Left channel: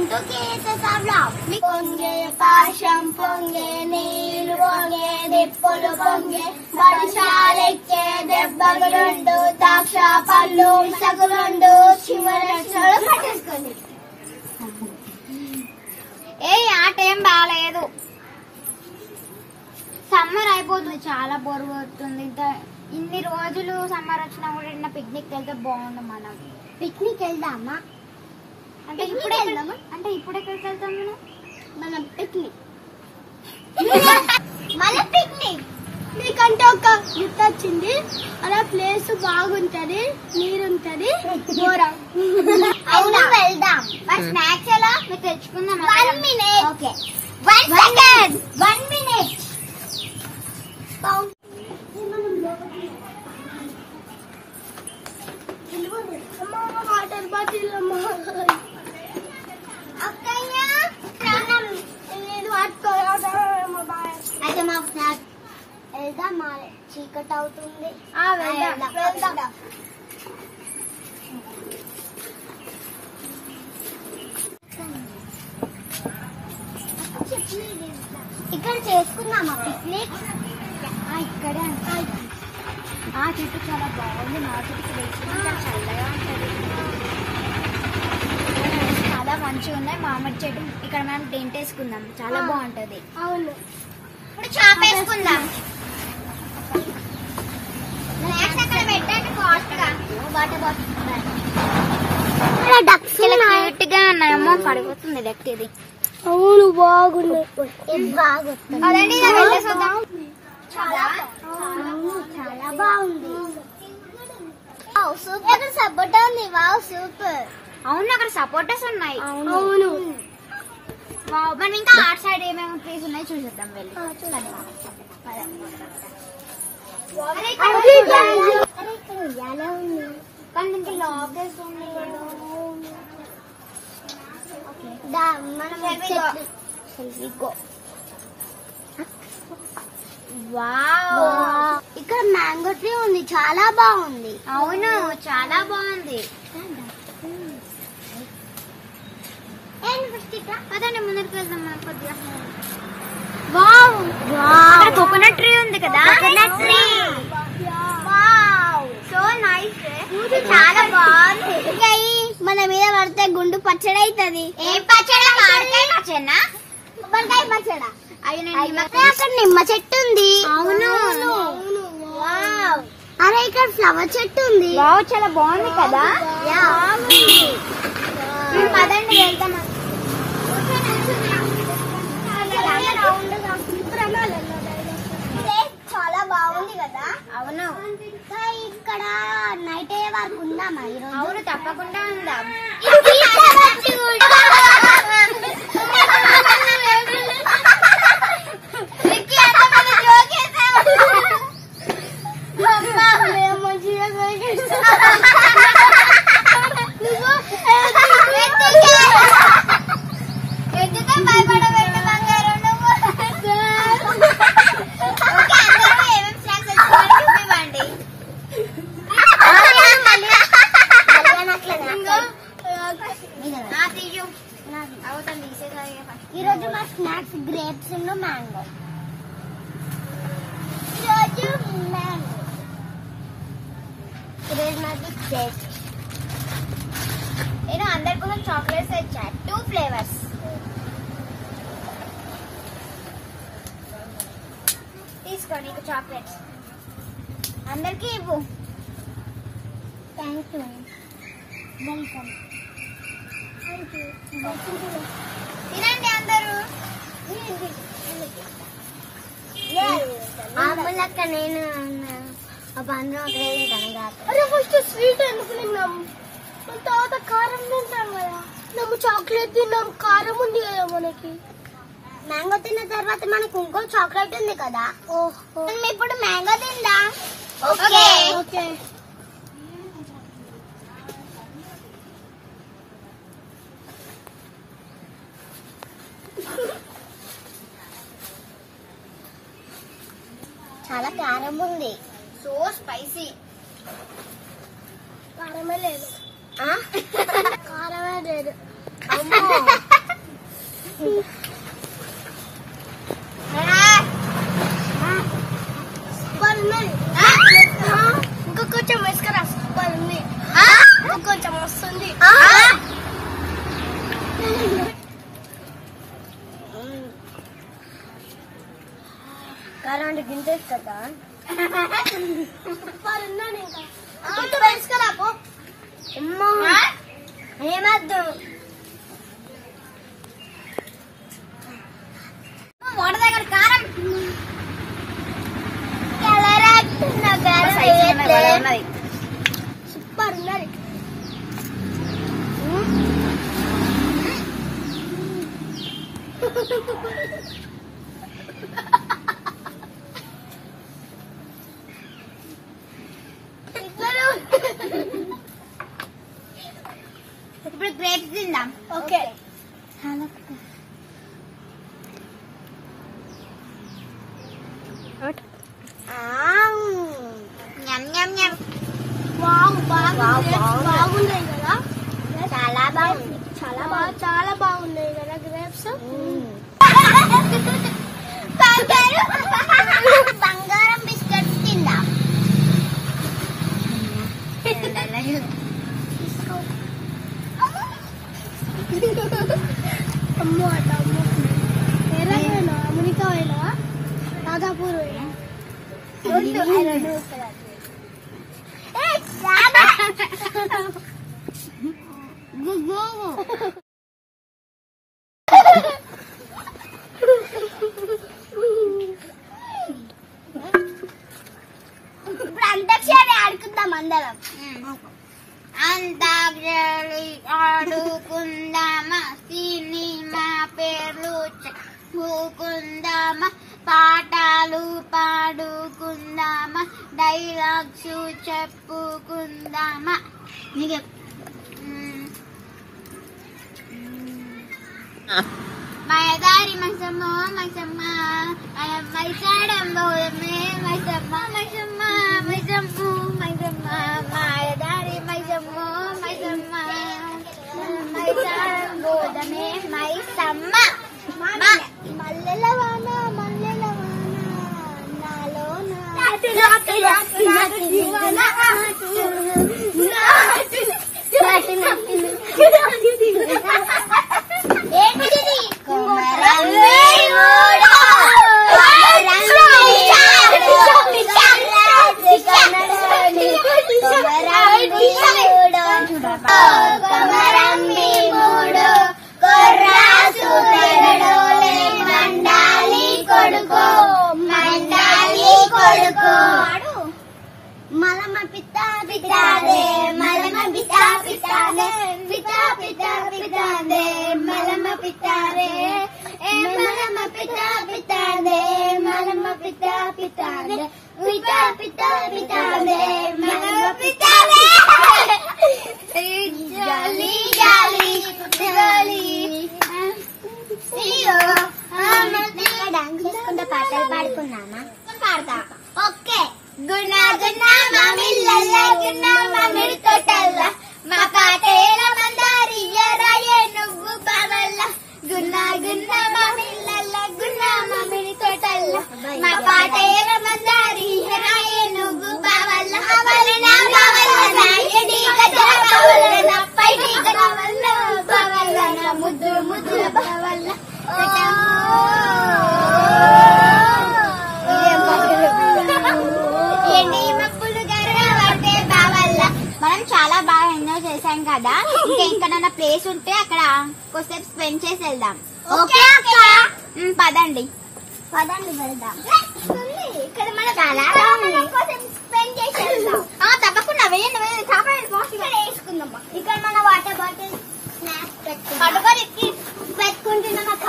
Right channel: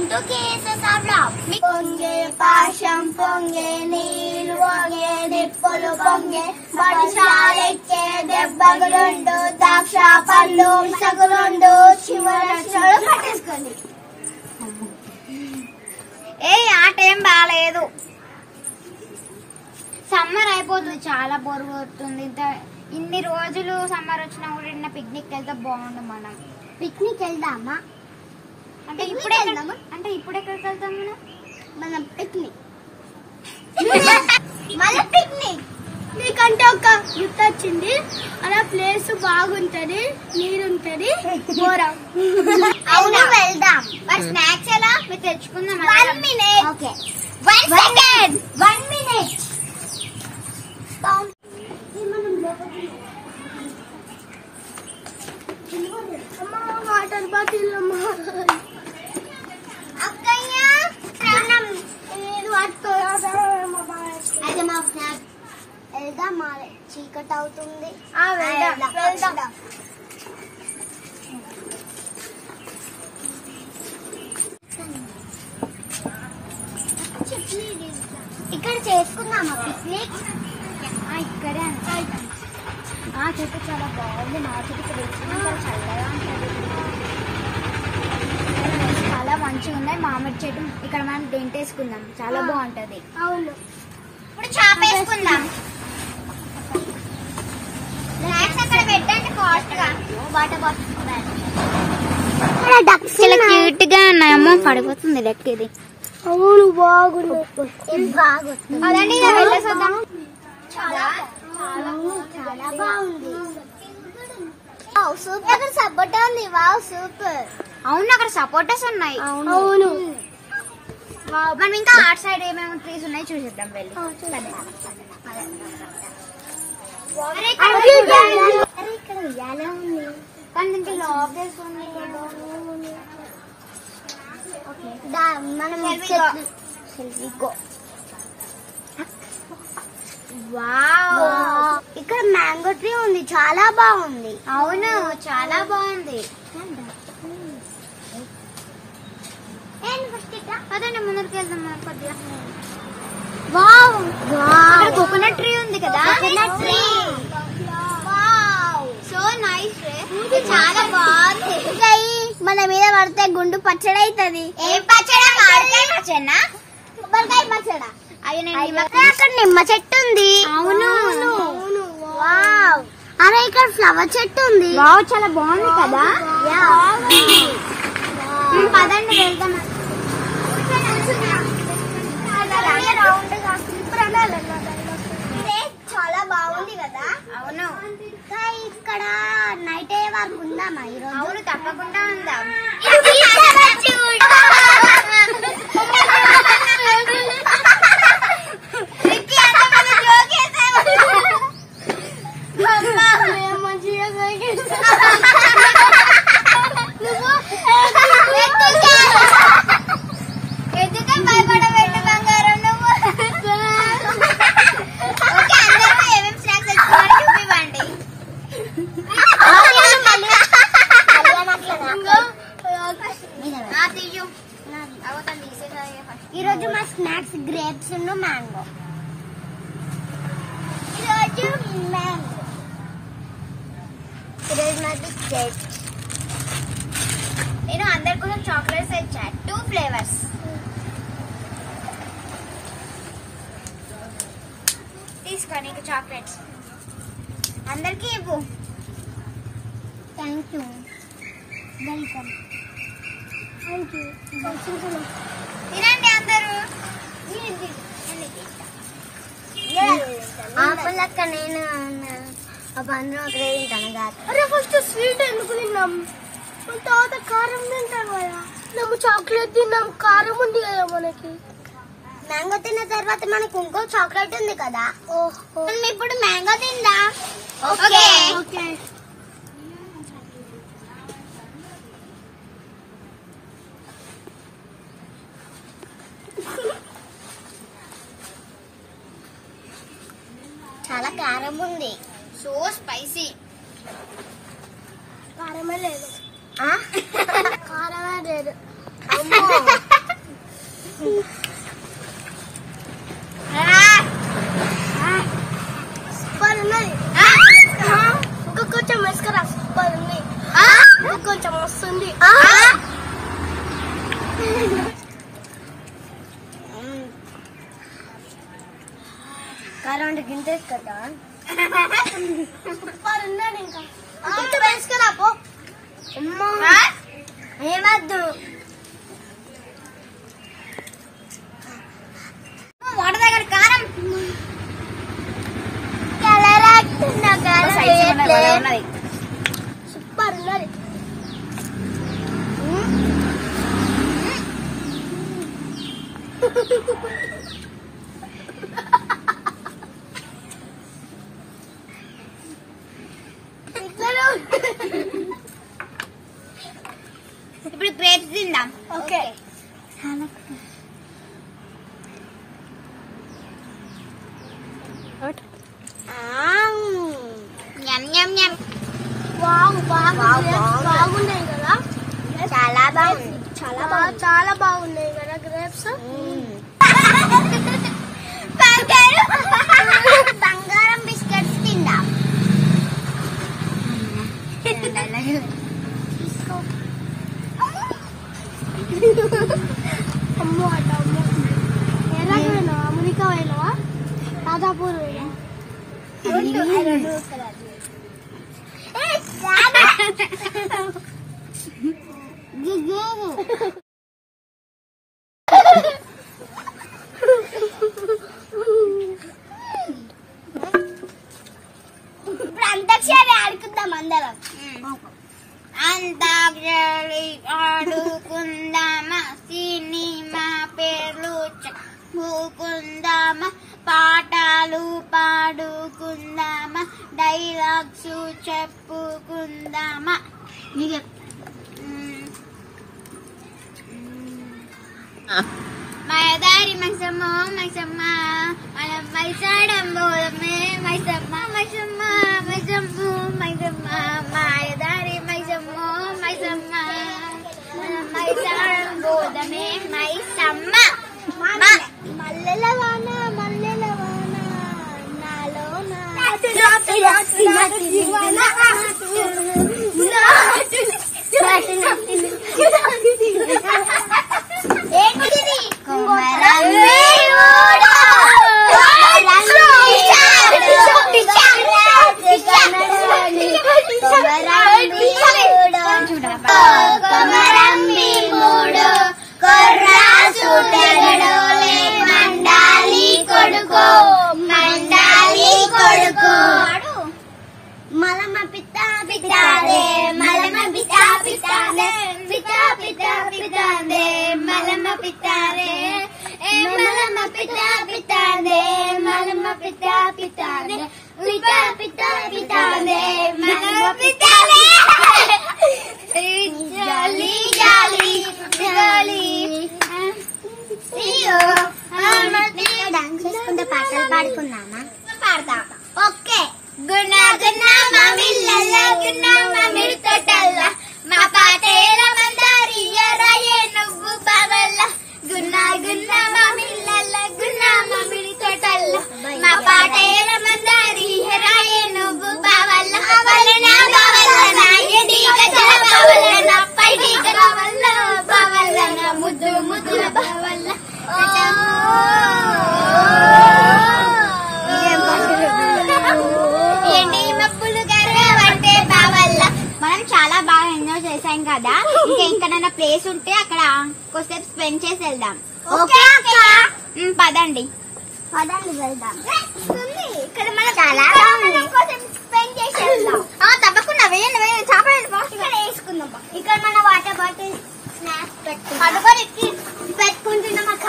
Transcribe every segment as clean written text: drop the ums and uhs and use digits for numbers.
Welcome to cases of love. పొంగే పాశం పొంగే నీళ్లు పొంగే నిప్పులు పొంగే పడిశాలెక్కే దెబ్బగులుండు ద్రాక్ష పళ్ళు సగులుండు చివరక్షలు పట్టేసుకోండి. ఏ ఆట ఏం బాగాలేదు. సమ్మర్ అయిపోతుంది, చాలా బోర్ కొడుతుంది. ఇన్ని రోజులు సమ్మర్ వచ్చినా కూడా పిక్నిక్ వెళ్తే బాగుండు. మనం పిక్నిక్ వెళ్దామా అంటే ఇప్పుడే వెళ్దామా? అంటే ఇప్పుడు ఎక్కడికి వెళ్తాం మనం పిక్నిక్ మళ్ళీ పిక్నిక్. మీకంటే ఒక గుర్తు వచ్చింది, అలా ప్లేస్ బాగుంటది, నీరుంటది, ఘోరం. అవును వెళ్దాం. స్నాక్స్ ఎలా మీరు తెచ్చుకుందాం. 1 minute. Okay 1 second. 1 minute. Water bottle అయితే మా స్నాక్ వెళ్దాం. చీకటి అవుతుంది. ఇక్కడ చేసుకుందామా పిక్నిక్? ఇక్కడే ఆ చెట్టు చాలా బాగుంది. మా చెట్టు ఇక్కడ చాలా చల్లగా ఉంటుంది, చాలా మంచిగా ఉన్నాయి. మామిడి చెట్టు ఇక్కడ మనం టెంట్ వేసుకుందాం, చాలా బాగుంటది. అవును, ఇప్పుడు చాప వేసుకుందాం. అక్కడ పెట్టండి కాస్ట్ గా. వాటర్ బాటిల్ క్యూట్ గా ఉన్నాము. పడిపోతుంది లెక్క ఇది. అవును బాగుంది, బాగుంది. అదండి చాలా చాలా బాగుంది. సూపర్. అక్కడ సపోటా ఉంది. Wow super. అవును అక్కడ సపోటాస్ ఉన్నాయి. అవును మనం ఇంకా ఆర్ట్ సైడ్ ఏమేమి ట్రీస్ ఉన్నాయి చూసేద్దాం వెళ్ళి. ఇక్కడ ఉయ్యాల ఉంది కానీ ఇంకా లాక్ వేస్తుంది. మనం ఇక్కడ మ్యాంగో ట్రీ ఉంది, చాలా బాగుంది. అవును చాలా బాగుంది. అదండి ముందరికి వెళ్దాం. కోకోనట్ ట్రీ ఉంది కదా, కోకోనట్ ట్రీ. So nice. చాలా బాగుంది. మన మీద పడితే గుండు పచ్చడి అవుతుంది. ఏం పచ్చడి? పచ్చడినా కొబ్బరికాయ పచ్చడా? అక్కడ నిమ్మ చెట్టు ఉంది. అవును. అరే ఇక్కడ ఫ్లవర్ చెట్టు ఉంది. చాలా బాగుంది కదా. పదండి వెళ్తాం. చాలా బాగుంది కదా. అవును. ఇక్కడ నైట్ అయ్యే వరకు ఉందామా ఈరోజు? అవును తప్పకుండా ఉందాం. ఈరోజు మా స్నాక్స్ గ్రేప్స్ మ్యాంగో. ఈరోజు మాది కేక్. నేను అందరి కోసం చాక్లెట్స్ తెచ్చా, 2 ఫ్లేవర్స్. తీసుకోండి ఇంకా చాక్లెట్స్. అందరికి ఇవ్వు. Thank you. Welcome. Thank you. తినండి అందరూ. అక్క నేను అందరం అక్కడే తింటాను కాక. అరే ఫస్ట్ స్వీట్ ఎందుకు తిన్నాం, తర్వాత కారం తింటాం కదా. మేము చాక్లెట్ తిన్నాం, కారం ఉంది కదా మనకి. మ్యాంగో తిన్న తర్వాత మనకు ఇంకో చాక్లెట్ ఉంది కదా. ఓహో ఇప్పుడు మ్యాంగో తిందా. Okay okay. చాలా కారం ఉంది. So spicy. కారమే లేదు, కారమే లేదు. సూపర్ ఉన్నది. ఇంకా కొంచెం వేసుకురా. సూపర్ ఉంది. ఇంకా కొంచెం వస్తుంది. కరెంట్ గింజ కదా. సూపర్ ఉన్నది. ఇంకా కొంచెం వేసుకురా పో. అమ్మా ఏమద్దు. వాటర్ దగ్గర కారం సూపర్ ఉన్నది. ఇప్పుడు గ్రేప్స్ తిందాం. ఓకే. బాగున్నాయి కదా. చాలా బాగుంది. చాలా బాగున్నాయి కదా గ్రేప్స్. బంగారం బిస్కెట్స్ తిందాం. అమ్మో అట అమ్మో. ఎలాగైనా అమెరికా పోయినా దాదాపూర్ పోయినా. ఇప్పుడు అంతాక్షరి ఆడుకుందాం అందరం. అంతాక్షరి ఆడుకుందామా, సినిమా పేర్లు చెప్పుకుందామా, పాటలు పాడుకుందామా, డైలాగ్స్ చెప్పుకుందామా. మైదారి మైసమ్మ మైసమ్మ మైసాడం బోధమే మైసమ్మ మైసమ్మ మైసమ్ము మైసమ్మ మాయదారి మైసమ్మ మైసమ్మ మైసాడం బోధమే మైసమ్మ. మల్లెల వాన మల్లెల వాన నాలో మలమ పితా పితాదే మలమ పితా పితాదే పితా పితా పితాదే మలమ పితాదే మలమ పితా పితాదే మలమ పితా పితాదే పితా పితా పితాదే మలమ పితాదే. జాలి జాలి జాలి డాన్స్ చేసుకుంటే పాటలు పాడుకుందామా? పాడతా. ఓకే. గుణ గుణ మామిళ్ళ గుణ మామిడి తోటల్ల మా పాటేల మందారియ రాయే నువ్వు బావల్ల. గుణ గుణ మామిళ్ళ గుణ మామిడి తోటల్ల మా పాటేల మందారియ రాయే నువ్వు బావల్ల. బావల్ల బావల్ల నా ఎది గజల బావల్ల నా పైడి బావల్ల బావల్ల నా ముద్దు ముద్దుల బావల్ల. మనం చాలా బాగా ఎంజాయ్ చేసాం కదా. ఇంకా ఇంకనన్నా ప్లేస్ ఉంటే అక్కడ కొద్దిసేపు స్పెండ్ చేసి వెళ్దాం. ఓకే పదండి పదండి వెళ్దాం. ఇక్కడ మనం చాలా స్పెండ్ చేసి వెళ్దాం. తప్పకుండా వేయండి వేయండి. చేపలు ఇక్కడ వేసుకుందాం. ఇక్కడ మన వాటర్ బాటిల్ స్నాక్స్ పెట్టుకుంటున్నాం అక్క.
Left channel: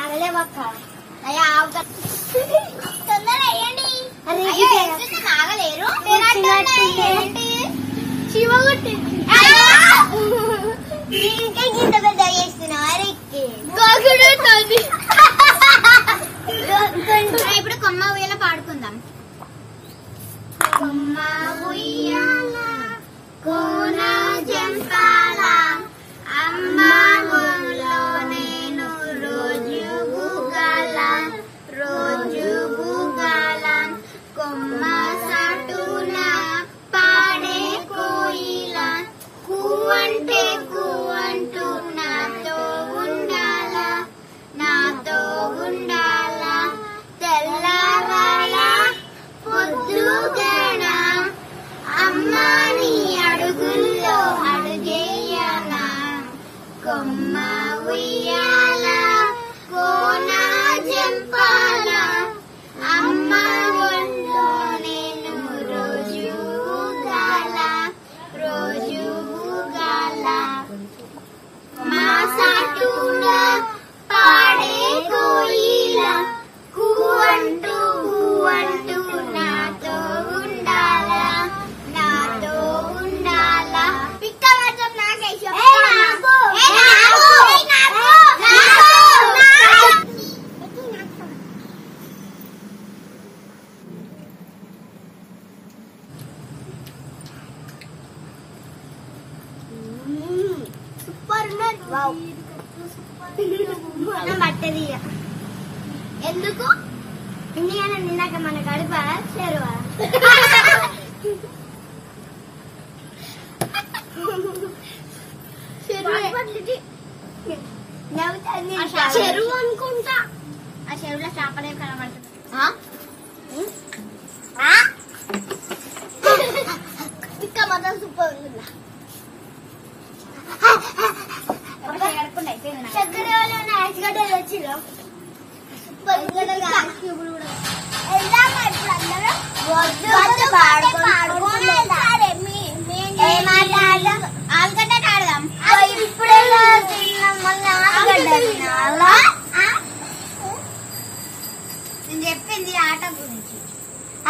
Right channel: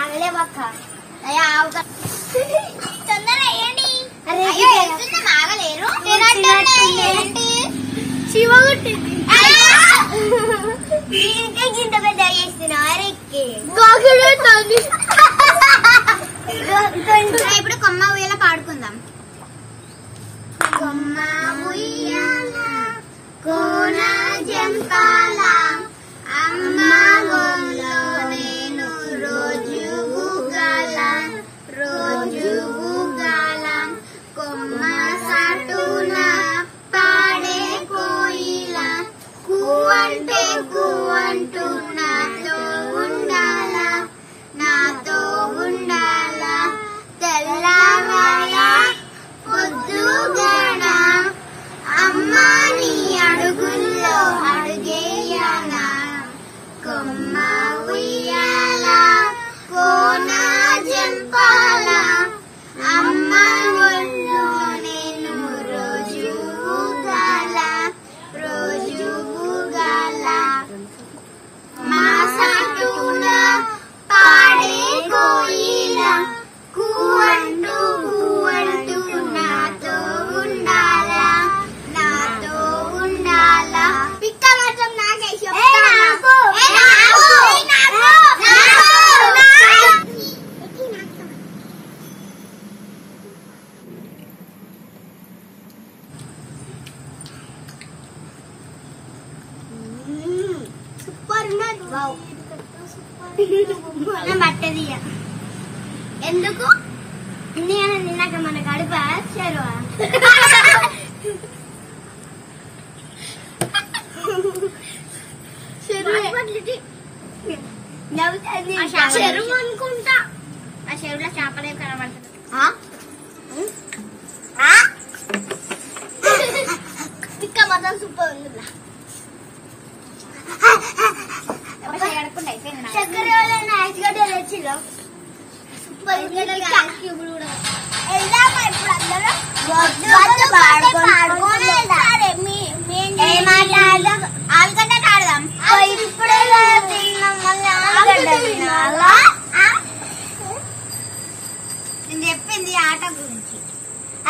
ఆగలేవక్క. తొందర వేయండి. ఆగలేరు. ఇంకా గింత పెద్ద చేస్తున్నారు. ఇప్పుడు కొమ్మ ఉయ్యాల పాడుకుందాం. కొమ్మ ఉయ్యాల కోన జంపాల అమ్మా గోలో నేను రోజు గుగాల కొమ్మ సాటున పాడే కోయిల కూవంటూ నాతో ఉండాల తెల్లవాడ పొద్దుగన అమ్మా నీ అడుగుల్లో అడుగేయనా కొమ్మ ఉయ్యాల కోన జంపాల అమ్మ ఒళ్ళో నేను రోజు గుగాల మా సాటున పాడే కోయిల కూవంటూ నాతో ఉండాల పిక్క మాత్రం నాకేసి సూపర్ పట్టది ఎందుకు ఇండియాలో నిన్నక మన గడుప చెరువా చెరువు అనుకుంటా ఆ చెరువులో చేపలే కనబడుతుంది ఇంకా మాత్రం సూపర్ ఉందా చక్కెర తెచ్చిలో సూపర్ వెళ్దామా ఇప్పుడు అందరూ ఆలుగడ్డ ఆడదాం ఇప్పుడే నేను చెప్పింది ఆట గురించి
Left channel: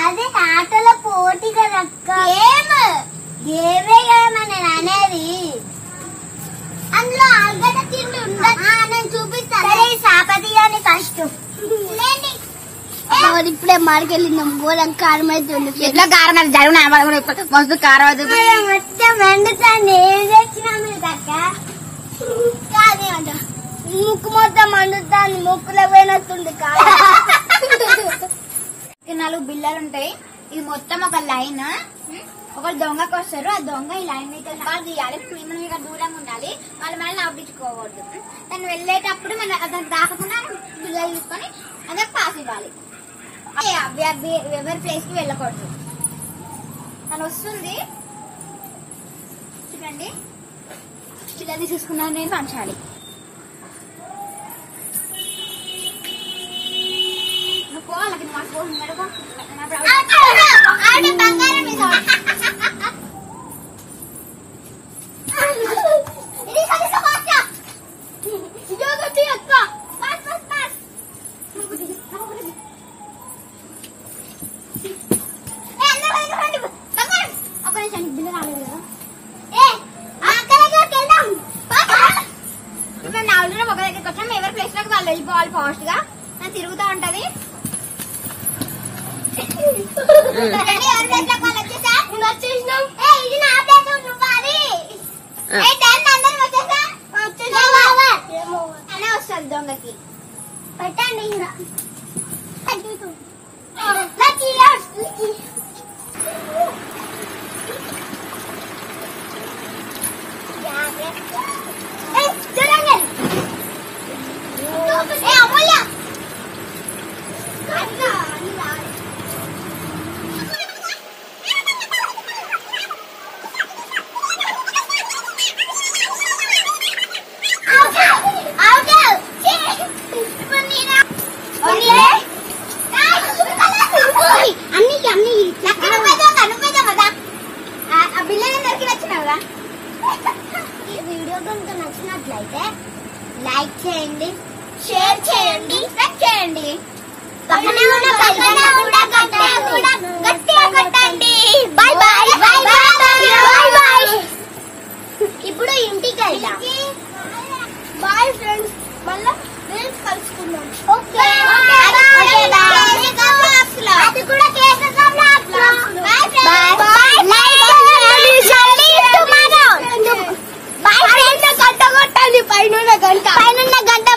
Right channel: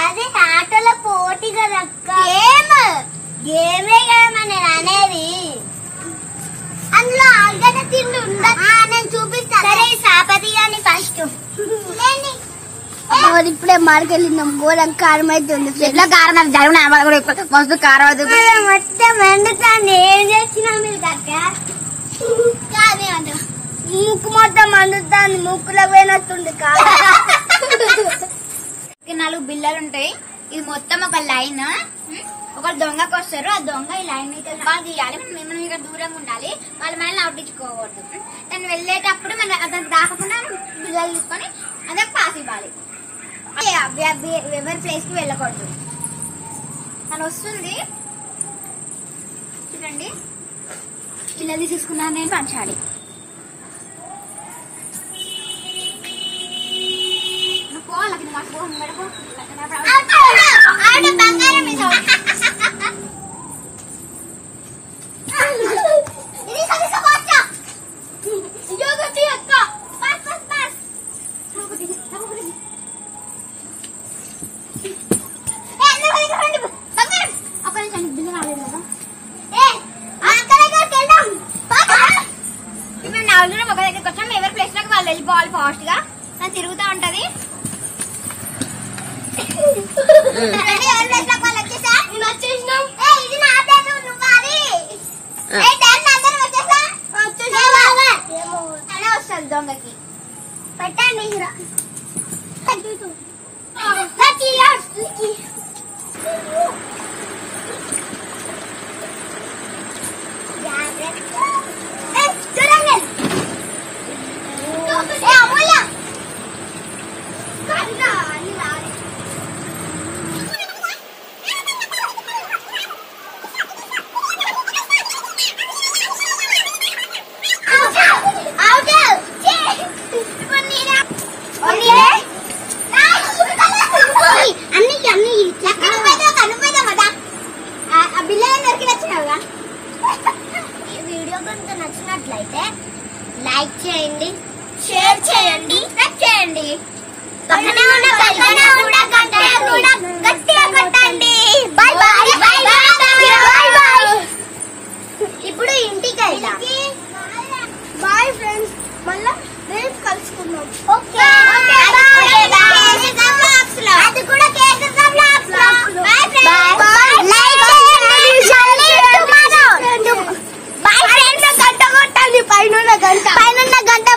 అదే ఆటల పోటీ కదక్క గేమే కదా నేను అనేది అందులో ఆలుగడ్డ తిండి ఉండదు నేను చూపిస్తాను సాపతి అని ఫస్ట్ ఇప్పుడే మార్కెళ్ళినాం గోధుమ కారం అయితే ఎట్లా కారం అయితే జరుగున మస్తు కారం అవుతుంది మొత్తం మండుతాను ఏం తెచ్చినా మీరు కక్క కాదే అంట ముక్కు మొత్తం మండుతాను ముక్కులో పోయినట్టుంది కాదు 4 బిల్లలు ఉంటాయి ఇది మొత్తం ఒక లైన్ ఒకరు దొంగకు వస్తారు ఆ దొంగ ఈ లైన్ వాళ్ళు తీయాలి మేము ఇక్కడ దూరంగా ఉండాలి వాళ్ళు మనల్ని అవుట్టించుకోకూడదు దాన్ని వెళ్ళేటప్పుడు మనం అతను దాకకుండా బిల్లలు తీసుకొని అదే పాస్ ఇవ్వాలి ఎవరి ప్లేస్ కి వెళ్ళకూడదు తను వస్తుంది చూడండి పిల్లలు తీసుకున్నాను నేను పంచాలి పోవాలి బంగారం ఒక దగ్గరికి వచ్చాం ఎవరి ప్లేస్ లోకి వాళ్ళు వెళ్ళిపోవాలి ఫాస్ట్ గా తిరుగుతా ఉంటది వస్తుంది దొంగకి పెట్టండి వీడియో కనుక నచ్చినట్లయితే లైక్ చేయండి, షేర్ చేయండి, సబ్స్క్రైబ్ చేయండి. పక్కనే ఉన్న బెల్ బటన్ కూడా గట్టిగా కొట్టండి. By by. ఇప్పుడు ఇంటికి వెళ్దాం. బాయ్ ఫ్రెండ్స్, మళ్ళా రేపు కలుసుకుందాం. ఓకే అది కూడా బాయ్ ఫ్రెండ్స్. పైన గంట